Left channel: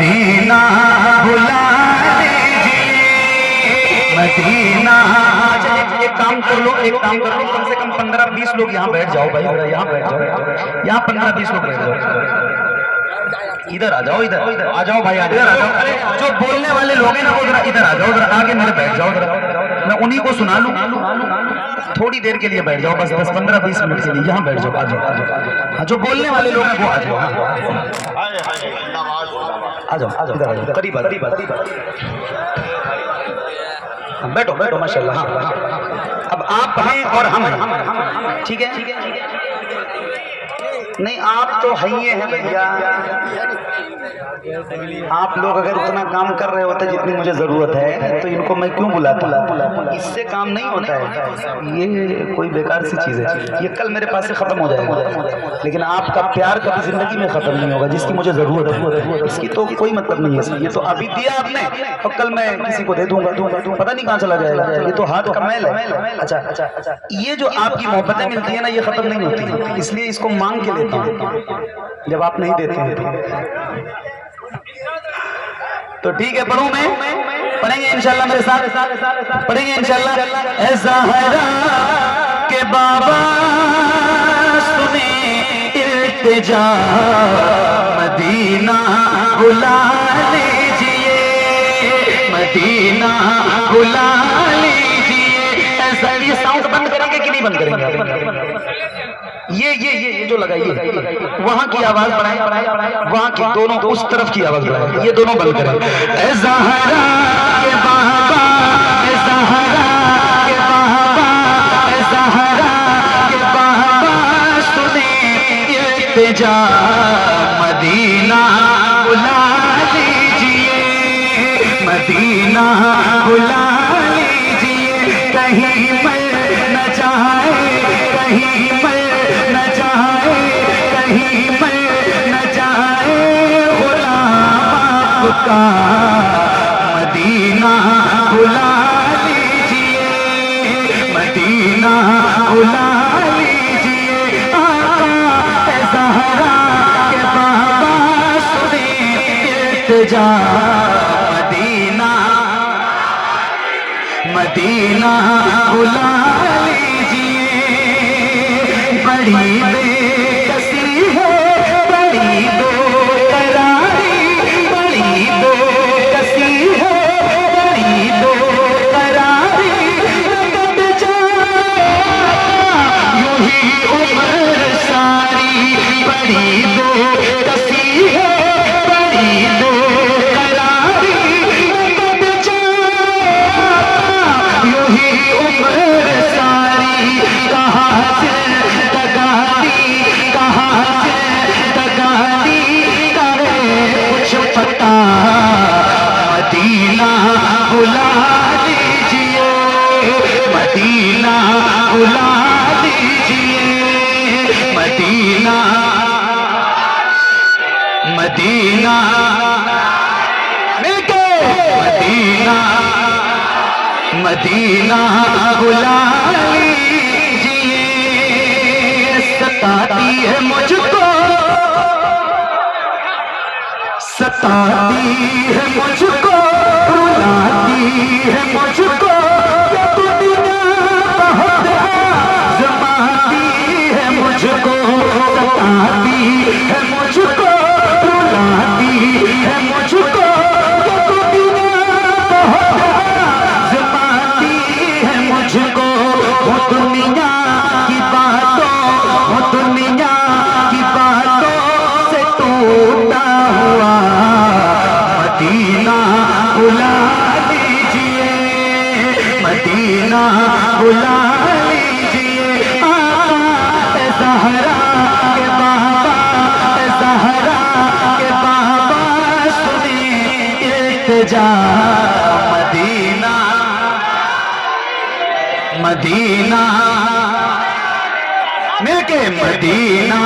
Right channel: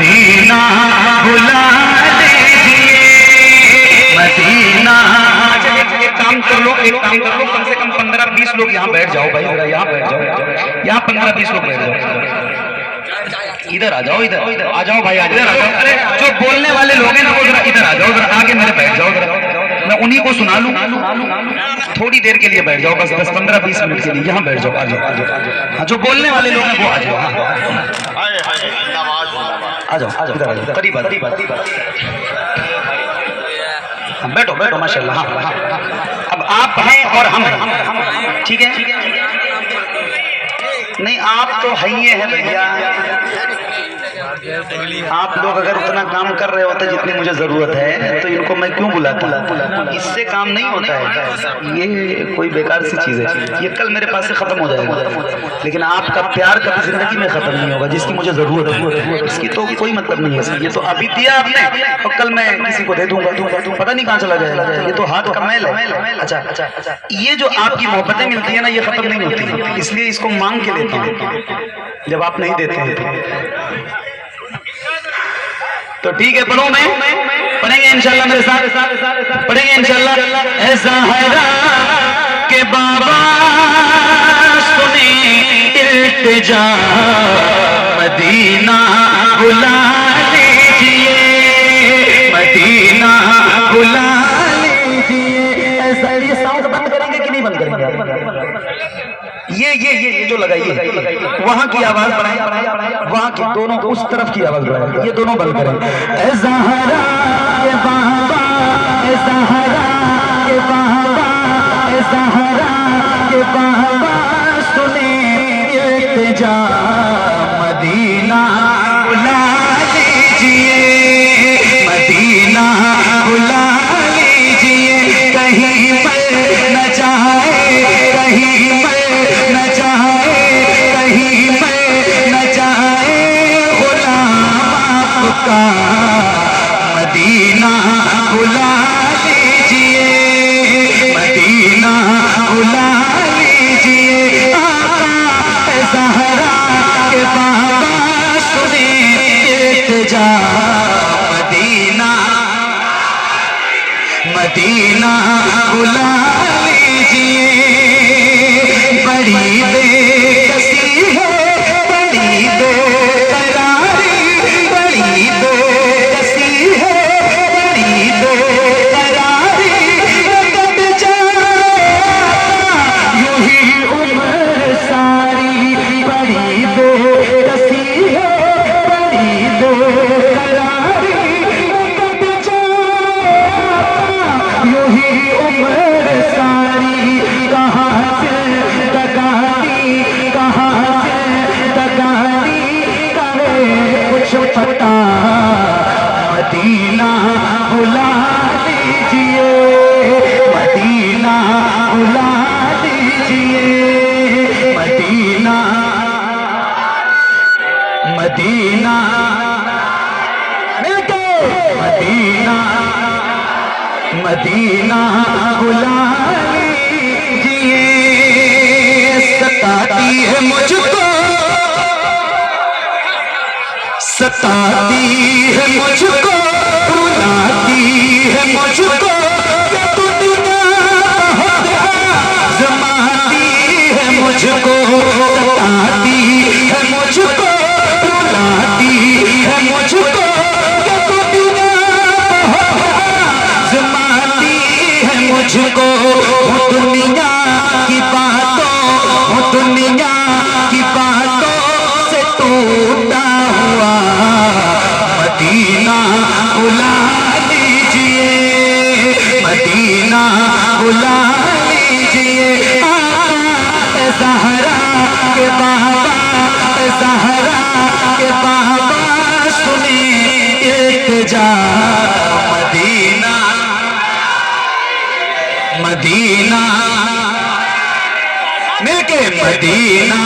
Medina बुला लीजिए Medina. एक काम कर लो, कम से कम 15-20 लोग यहाँ बैठ जाओ भाई, यहाँ बैठ जाओ, यहाँ 15-20 लोग बैठ जाओ। इधर आ जाओ, इधर आ जाओ भाई, इधर आ जाओ। अरे जो बोलने वाले लोग हैं ना वो जरा इधर आ जाओ, जरा आगे मेरे बैठ जाओ, मैं उन्हीं को सुना लूं। थोड़ी देर के लिए बैठ जाओ, बस 15-20 मिनट के लिए यहाँ बैठ जाओ। आ जाओ, जो बोलने वाले लोग हैं वो आ जाओ, आ जाओ, इधर आ जाओ, करीब बैठो बैठो, माशाल्लाह। हाँ, अब आप हैं और हम हैं, ठीक है? नहीं आप तो है ही है भैया, आप लोग अगर उतना काम कर रहे होते जितनी मुझे जरूरत है तो इनको मैं क्यों बुलाता? इससे काम नहीं होता है, ये कोई बेकार सी चीज है, ये कल मेरे पास से खत्म हो जाएगा। लेकिन आपका प्यार कभी जिंदगी में खत्म नहीं होगा, जिसकी मुझे जरूरत है इसकी तो कोई मतलब नहीं है। ये तो अभी दिया आपने और कल मैं किसी को दे दूंगा, पता नहीं कहाँ चला जाएगा, ये तो हाथ का मैल है। अच्छा, ये जो आपकी मोहब्बतें मिलती है ना, ये खत्म नहीं होती, इसलिए इसको मांग के लेते हैं। जब आप नहीं देते हैं तो ठीक है, पढ़ो, मैं पढ़ेंगे इंशाल्लाह, मेरे साथ पढ़ेंगे इंशाल्लाह। ऐ ज़हरा के बाबा सुने इल्तिजा मदीना बुला लीजिए मदीना बुला लीजिए। ऐसा ये साउंड बंद करेंगे कि नहीं बंद करेंगे? ये जो लगाइए वहां की आवाज बढ़ाए, वहां की दोनों उस तरफ की आवाज बढ़ाए, ये दोनों बंद करें। ऐ ज़हरा के बाबा, ऐ ज़हरा के बाबा, ऐ ज़हरा के बाबा सुने इल्तिजा मदीना बुला लीजिए मदीना बुला लीजिए। कहीं पर न जाए, कहीं पर न जाए, कहीं पर न जाए गुलाम आपका मदीना बुला लीजिए मदीना बुला लीजिए। आका ऐ ज़हरा के बाबा सुने इल्तिजा मदीना मदीना बुला लीजिए। बड़ी बेकसी है, बड़ी बेकरारी, बड़ी बेकसी है, बड़ी बेकरारी, कट जाएगा यूं ही उम्र सारी। बड़ी बेकसी है, बड़ी बेकरारी, कट जाएगा यूं ही उम्र सारी। कहाँ से दगारी, कहाँ से दगारी करे कुछ पता मदीना बुला लीजिए मदीना बुला लीजिए मदीना मदीना मिलके मदीना मदीना बुला लीजिए। सताती है मुझको, सताती है मुझको, रुलाती है मुझको, ये दुनिया बहुत आज़माती है मुझको। सताती है मुझको, रुलाती है मुझको, ये दुनिया बहुत आज़माती है मुझको। वो दुनिया की बातों, वो दुनिया की बातों से टूटा हुआ मदीना बुला लीजिए मदीना बुला लीजिए। आका ऐ ज़हरा के बाबा, ऐ ज़हरा के बाबा सुने इल्तिजा मदीना मदीना मिलके मदीना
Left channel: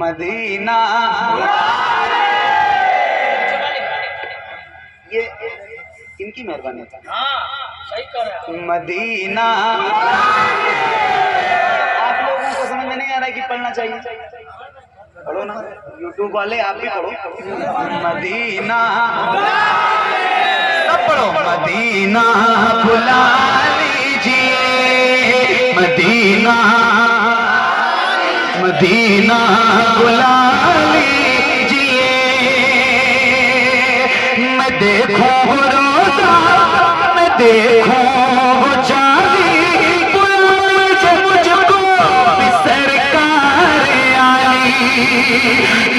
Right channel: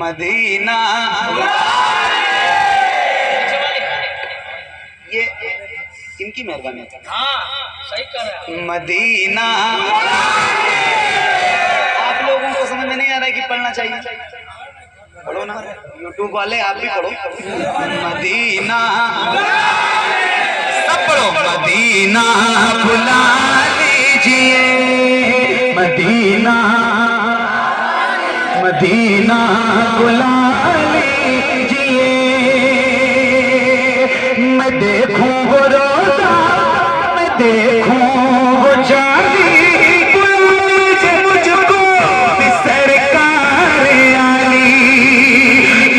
मदीना इनकी मेहरबानी। हाँ सही कर रहे हैं। मदीना आप लोगों को समझ में नहीं आ रहा है कि पढ़ना चाहिए? पढ़ो ना, यूट्यूब वाले आप भी पढ़ो। मदीना सब पढ़ो। मदीना बुला लीजिए, मदीना मदीना बुला लीजिए। मैं देखूं वो रोज़ा, मैं देखूं वो चांदी, बुला लीजिए मुझको भी सरकार आली।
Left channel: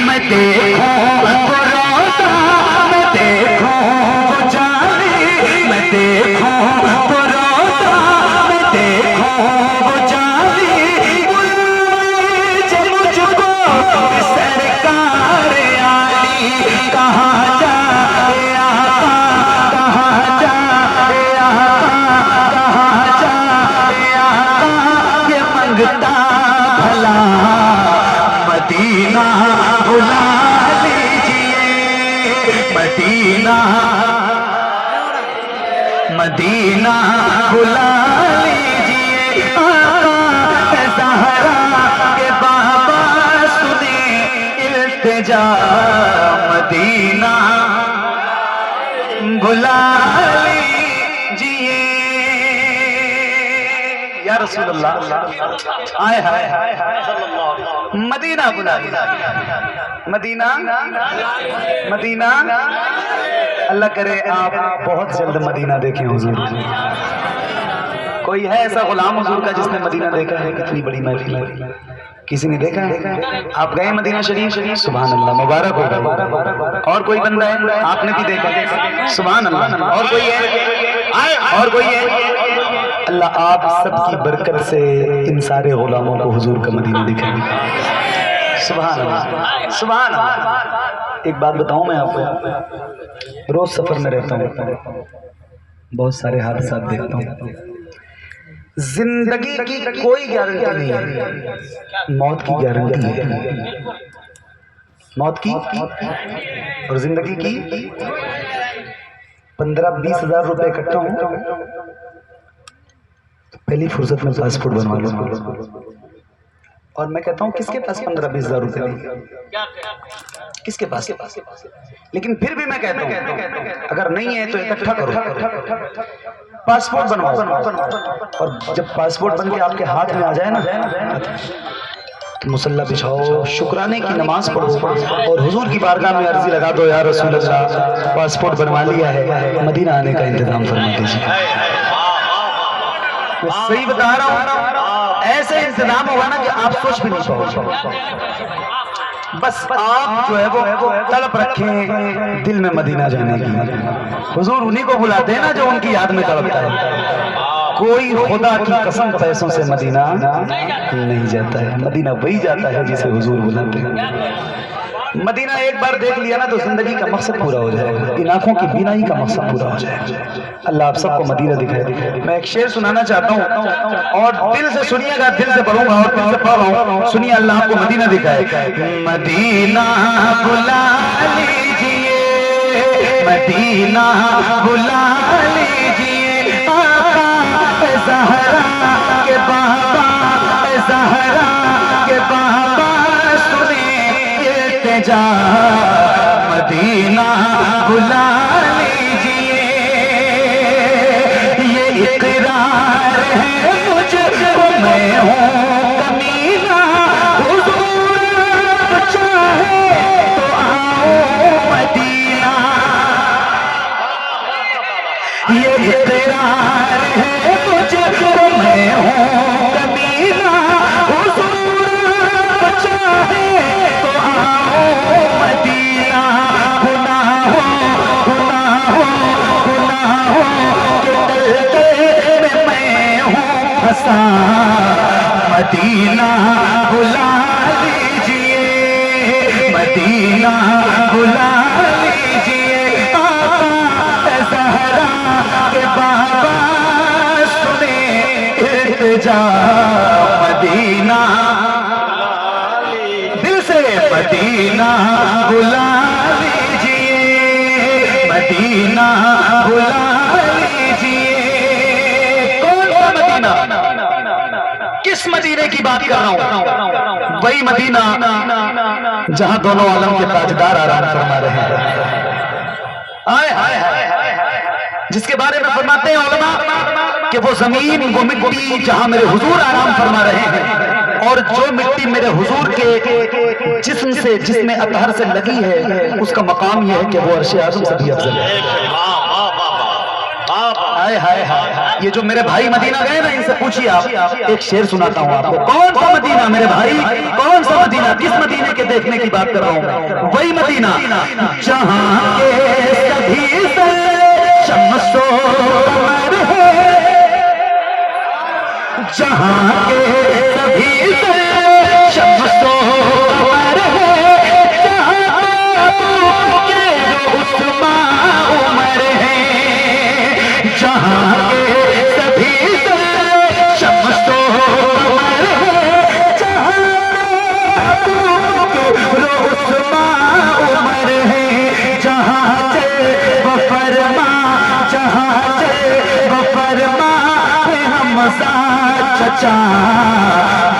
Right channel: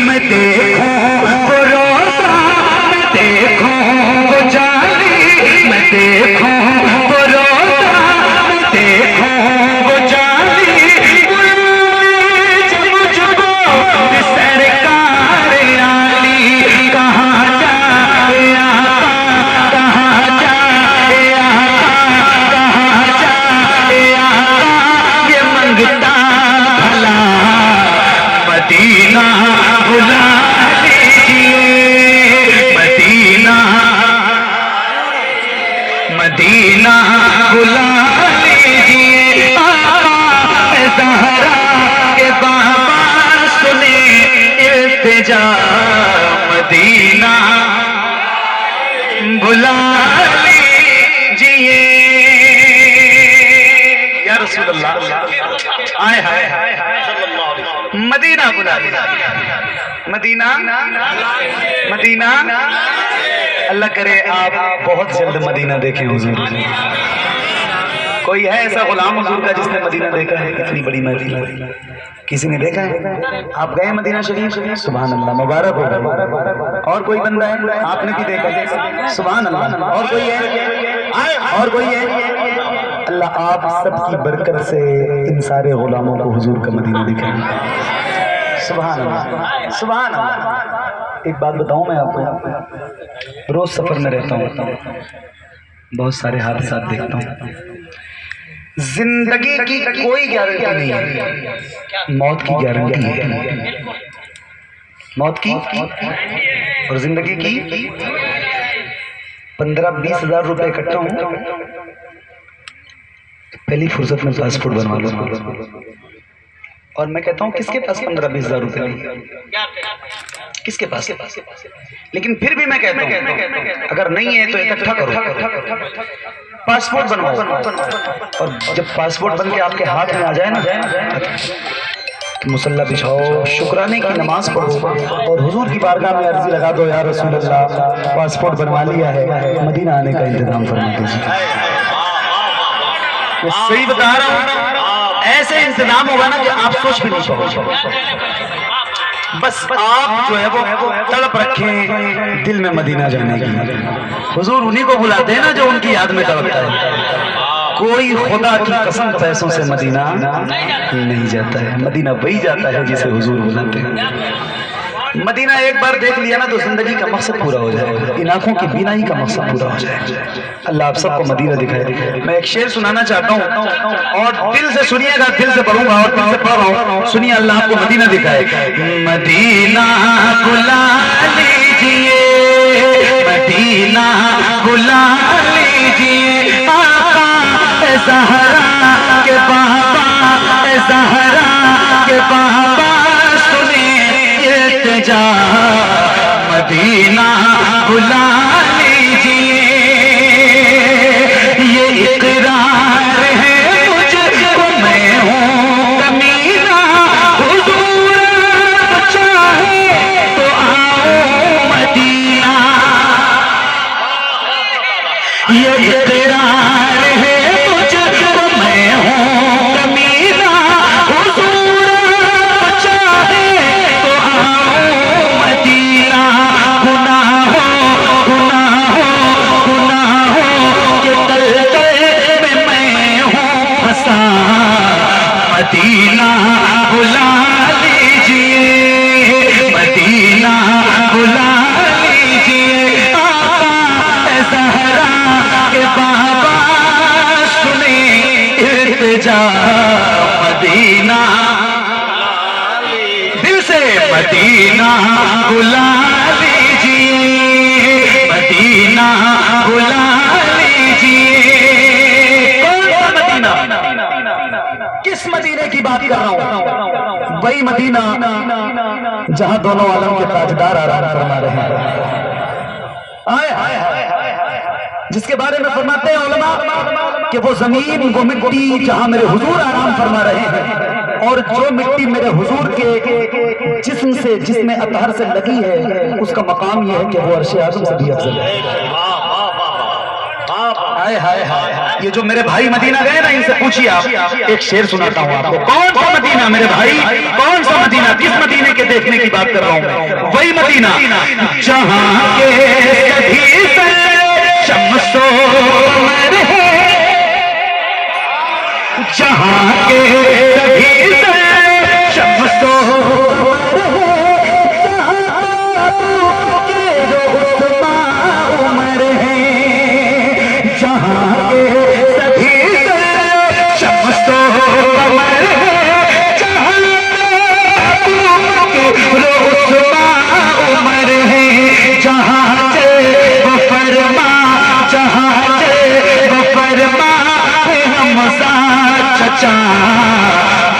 मैं देखूं वो रोज़ा, मैं देखूं वो चांदी, मैं देखूं वो रोज़ा, मैं देखूं वो चांदी, सरकार आली। कहाँ जाए आका, कहाँ जाए आका, कहाँ जाए आका, ये मंगता भला मदीना बुला लीजिए। मदीना मदीना बुला लीजिए। आका ज़हरा के बाबा सुने इल्तिजा, मदीना बुला लीजिए। या रसूल अल्लाह, आए हाय हाय मदीना बुला लीजिए। मदीना मदीना अल्लाह करे आप बहुत जल्द मदीना देखें हुजूर। कोई है ऐसा गुलाम हुजूर का जिसने मदीना देखा है? कितनी बड़ी महफिल, किसी ने देखा है? आप गए मदीना शरीफ? सुभान अल्लाह, मुबारक हो। और कोई बंदा है आपने भी देखा? सुभान अल्लाह। और कोई है? और कोई है? अल्लाह आप सबकी बरकत से इन सारे गुलामों को हुजूर का मदीना दिखाएंगे। सुभान अल्लाह, सुभान अल्लाह। एक बात बताऊं, मैं आपको रोज सफर में रहता हूँ, बहुत सारे हादसात देखता हूँ। जिंदगी की कोई गारंटी नहीं है, मौत की गारंटी है। मौत की और जिंदगी की 15-20 हजार रुपए इकट्ठा हो, पहली फुर्सत में पासपोर्ट बनवा लो। और मैं कहता हूँ किसके पास 15-20 हजार रुपए नहीं? किसके पास? लेकिन फिर भी मैं कहता हूँ अगर नहीं है तो इकट्ठा करो, पासपोर्ट बनवाओ। और जब पासपोर्ट बन के आपके हाथ में आ जाए ना, तो मुसल्ला बिछाओ, शुक्राने की नमाज पढ़ो और हुजूर की बारगाह में अर्जी लगा दो, या रसूल अल्लाह पासपोर्ट बनवा लिया है, मदीना आने का इंतजाम फरमा दीजिए। वो सही बता रहा हूँ, ऐसे इंतजाम होगा ना कि आप सोच भी नहीं पाओगे। बस आप जो है वो तड़प रखें दिल में मदीना जाने की। हुजूर उन्हीं को बुलाते हैं ना जो उनकी याद में तड़पता है। कोई खुदा की कसम पैसों से मदीना नहीं जाता है, मदीना वही जाता है जिसे हुजूर बुलाते हैं। मदीना एक बार देख लिया ना तो जिंदगी का मकसद पूरा हो जाएगा, इन आंखों की बीनाई का मकसद पूरा हो जाएगा। अल्लाह आप सबको मदीना दिखाए। मैं एक शेर सुनाना चाहता हूँ और दिल से सुनिएगा, दिल से पढ़ूंगा और दिल से पढ़ रहा हूँ, सुनिए। अल्लाह आपको मदीना दिखाए। मदीना बुला लीजिए, मदीना बुला लीजिए। आका ज़हरा के बाबा, ज़हरा के बाबा सुने इल्तिजा, मदीना बुला लीजिए। ये इकरार है मुझको, मैं हूँ कमीना, हुजूर चाहे तो आओ मदीना। ये इकरार है मुझको, मैं हूँ कमीना, हुजूर चाहे तो आओ मदीना। मदीना बुला लीजिए, मदीना बुला लीजिए। आका ज़हरा के बाबा सुने इल्तिजा, मदीना दिल से मदीना बुला लीजिए, मदीना बुला किस मदीने की बात कर रहा हूं? वही मदीना जहां दोनों आलम के ताजदार आराम फरमा रहे हैं। आए हाय जिसके बारे में फरमाते हैं उलमा कि वो जमीन वो मिट्टी जहां मेरे हुजूर आराम फरमा रहे हैं, और जो मिट्टी मेरे हुजूर के जिस्म से जिसमें अतहर से लगी है उसका मकाम यह है कि वो अर्श आज़म से भी अफजल है। हाय हाय हाय, ये जो मेरे भाई मदीना गए ना, इनसे पूछिए आप। एक शेर सुनाता हूँ आपको। कौन सा मदीना मेरे भाई, कौन सा मदीना? किस मदीने के देखने की बात कर रहा हूँ? वही मदीना जहाँ के सभी से शम्सो कमर है, जहाँ के सभी से शम्सो कमर है,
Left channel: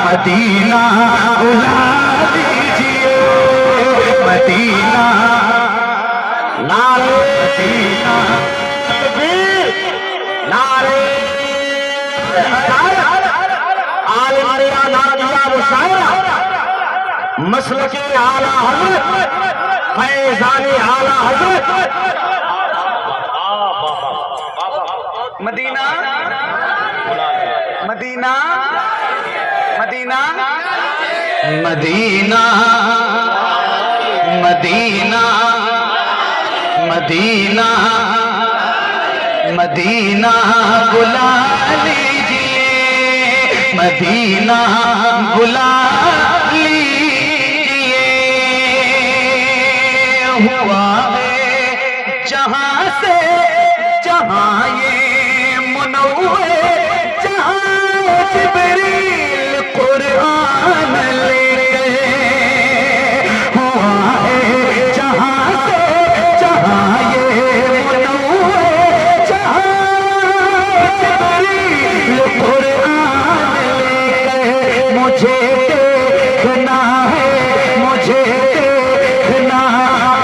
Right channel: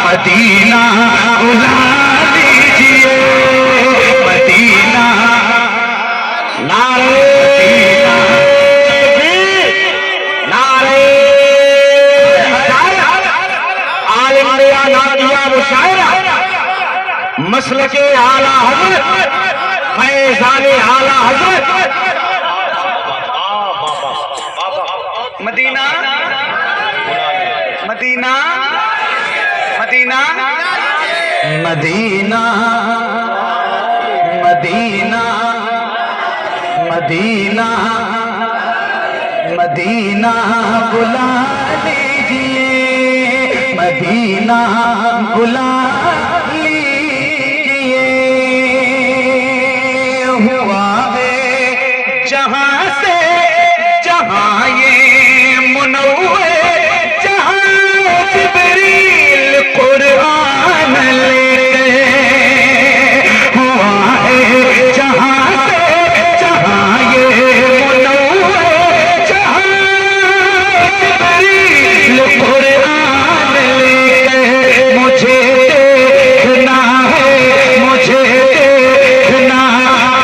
मदीना बुला लीजिए, मदीना नारे नारे मसल के आला हजरत फैज़ाने आला हजरत Medina Medina Medina Medina Medina Medina Medina बुला लीजिए, मदीना बुला लीजिए। हुआ है जहाँ से जहाँ ये मुनव्वर, जहाँ जिब्रील कुरान ले गए। हुआ है जहाँ से जहाँ ये मुनव्वर, जहाँ जिब्रील कुरान ले गए। मुझे देखना है, मुझे देखना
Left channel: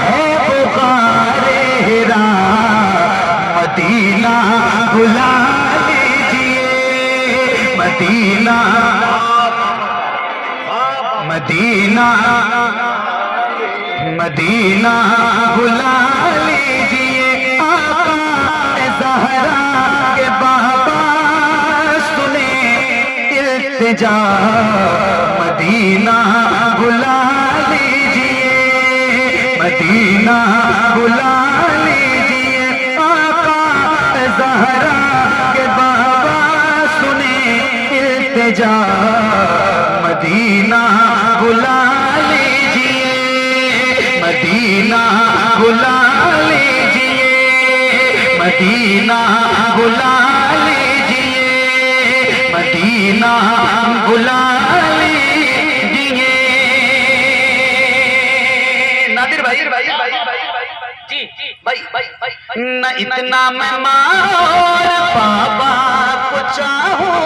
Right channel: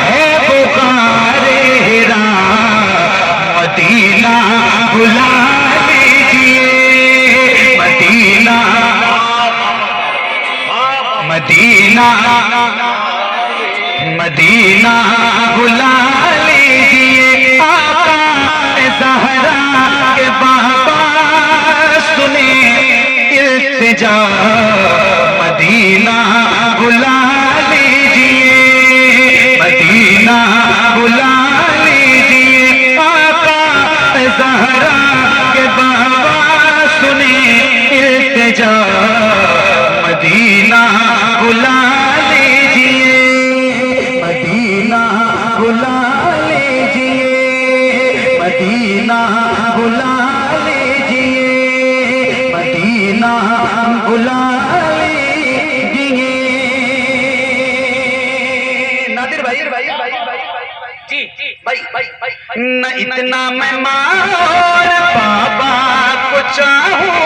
है पुकारे रा, मदीना बुला लीजिए, मदीना मदीना मदीना बुला लीजिए। आका ज़हरा के बाबा सुने इल्तिजा, मदीना बुला लीजिए, मदीना बुला लीजिए। आका ज़हरा के बाबा सुने इल्तिजा, मदीना बुला लीजिए, मदीना बुला लीजिए, मदीना बुला लीजिए, मदीना बुला लीजिए। नादिर भाई जी भाई न इतना मैं मार बाबा को चाहूं,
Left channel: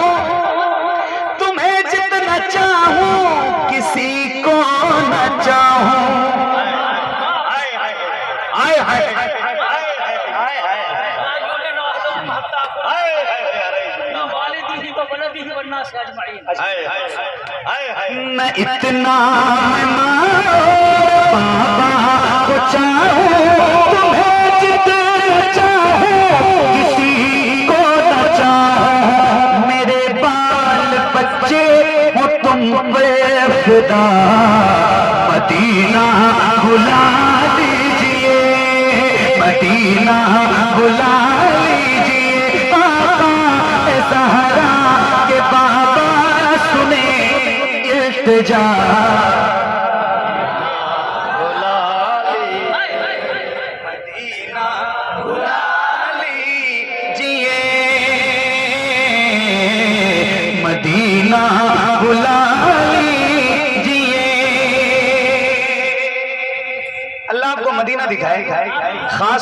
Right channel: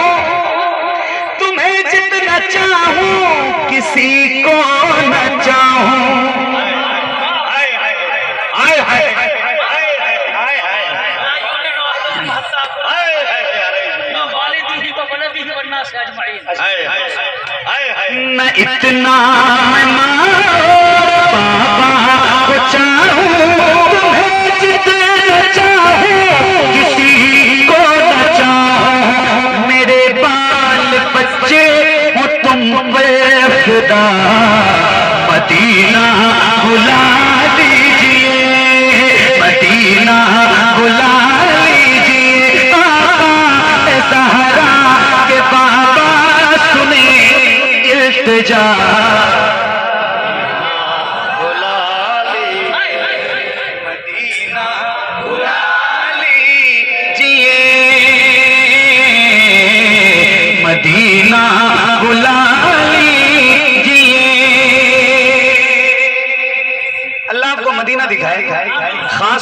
तुम्हें जितना चाहूं किसी को न चाहूं। न इतना मैं बाबा को चाहूं, तुम्हें जितना चाहूं किसी को न चाहूं। मेरे बाल बच्चे हो तुम पे खुदा, मदीना बुला लीजिए, मदीना बुला लीजिए। आका ज़हरा के बाबा सुने इल्तिजा, बुला लीजिए, मदीना बुला लीजिए, मदीना बुला लीजिए। अल्लाह आपको मदीना दिखाए खास